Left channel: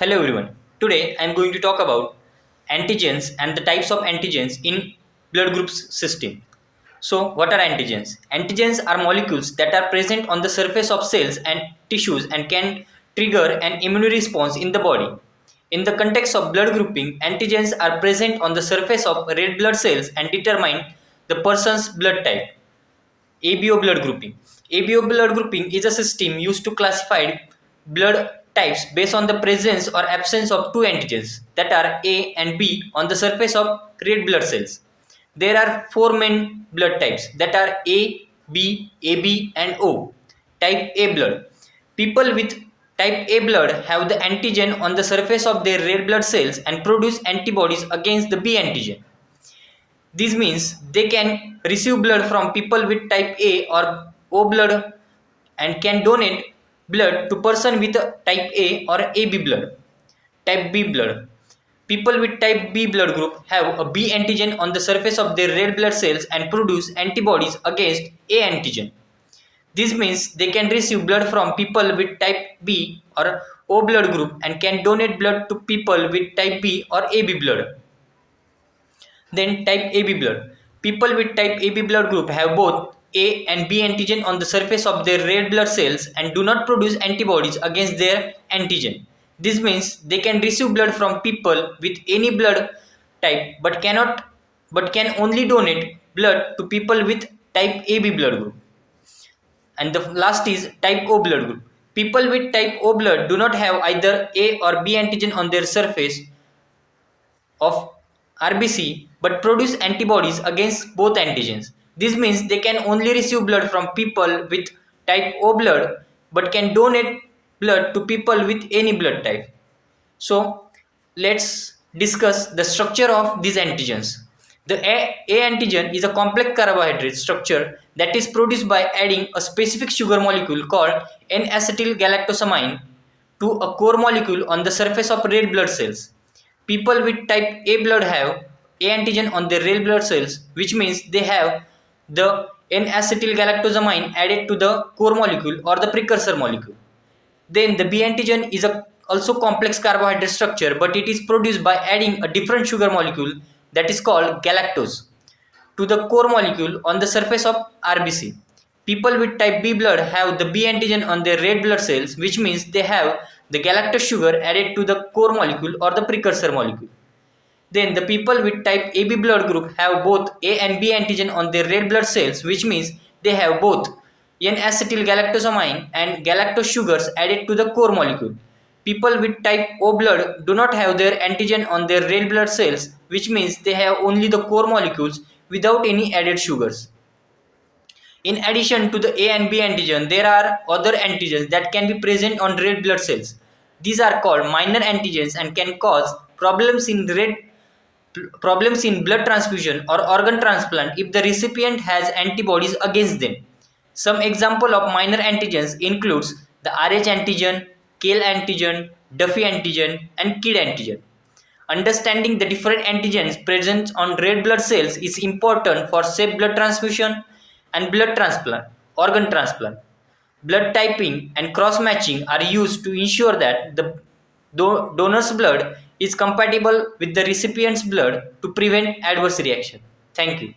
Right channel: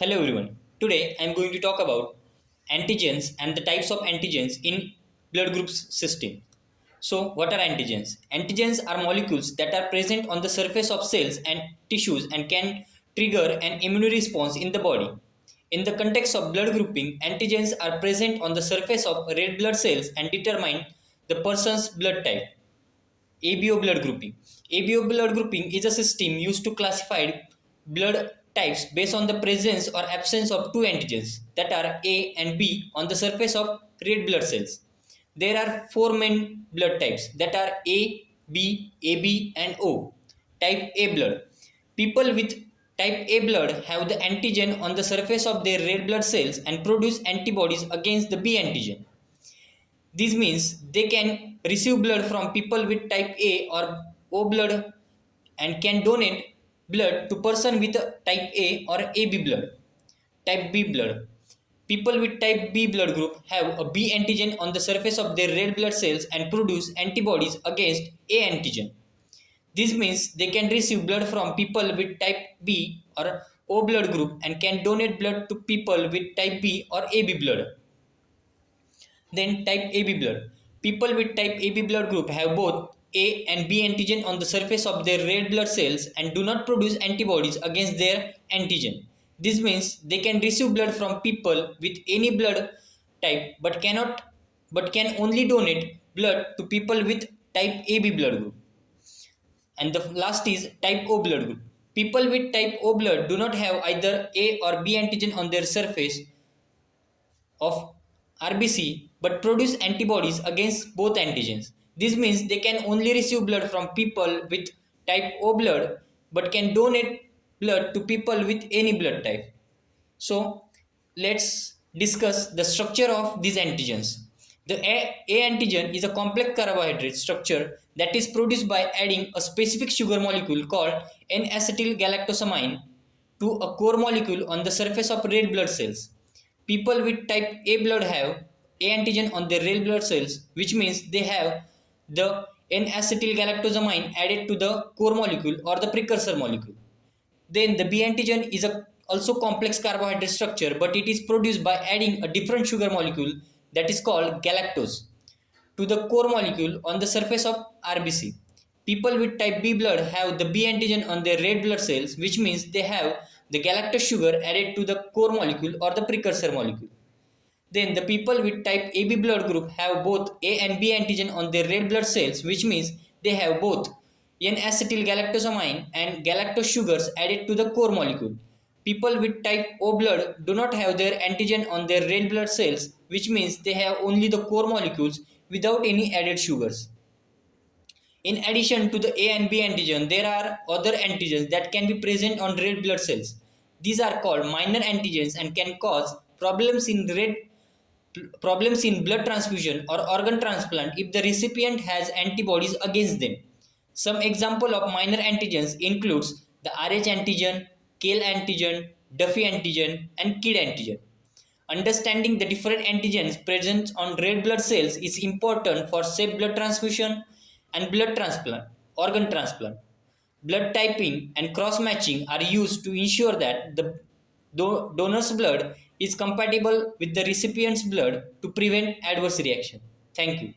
Hello everyone. Today I am going to talk about antigens and the types of antigens in blood groups system. So what are antigens? Antigens are molecules that are present on the surface of cells and tissues and can trigger an immune response in the body. In the context of blood grouping, antigens are present on the surface of red blood cells and determine the person's blood type. ABO blood grouping. ABO blood grouping is a system used to classify blood types based on the presence or absence of two antigens that are A and B on the surface of red blood cells. There are four main blood types that are A, B, AB, and O. Type A blood. People with type A blood have the antigen on the surface of their red blood cells and produce antibodies against the B antigen. This means they can receive blood from people with type A or O blood and can donate blood to person with type A or AB blood. Type B blood. People with type B blood group have a B antigen on the surface of their red blood cells and produce antibodies against A antigen. This means they can receive blood from people with type B or O blood group and can donate blood to people with type B or AB blood. Then type AB blood. People with type AB blood group have both A and B antigen on the surface of their red blood cells and do not produce antibodies against their antigen. This means they can receive blood from people with any blood type but can only donate blood to people with type AB blood group. And the last is type O blood group. People with type O blood do not have either A or B antigen on their surface of RBC but produce antibodies against both antigens. This means they can only receive blood from people with type O blood but can donate blood to people with any blood type. So let's discuss the structure of these antigens. The A antigen is a complex carbohydrate structure that is produced by adding a specific sugar molecule called N-acetyl-galactosamine to a core molecule on the surface of red blood cells. People with type A blood have A antigen on their red blood cells, which means they have the N-acetyl-galactosamine added to the core molecule or the precursor molecule. Then the B antigen is a also complex carbohydrate structure, but it is produced by adding a different sugar molecule that is called galactose to the core molecule on the surface of RBC. People with type B blood have the B antigen on their red blood cells, which means they have the galactose sugar added to the core molecule or the precursor molecule. Then the people with type AB blood group have both A and B antigen on their red blood cells, which means they have both N-acetyl-galactosamine and galactose sugars added to the core molecule. People with type O blood do not have their antigen on their red blood cells, which means they have only the core molecules without any added sugars. In addition to the A and B antigen, there are other antigens that can be present on red blood cells. These are called minor antigens and can cause problems in blood transfusion or organ transplant if the recipient has antibodies against them. Some example of minor antigens includes the Rh antigen, KAL antigen, Duffy antigen, and KID antigen. Understanding the different antigens present on red blood cells is important for safe blood transfusion and blood transplant, organ transplant. Blood typing and cross-matching are used to ensure that the donor's blood is compatible with the recipient's blood to prevent adverse reaction. Thank you.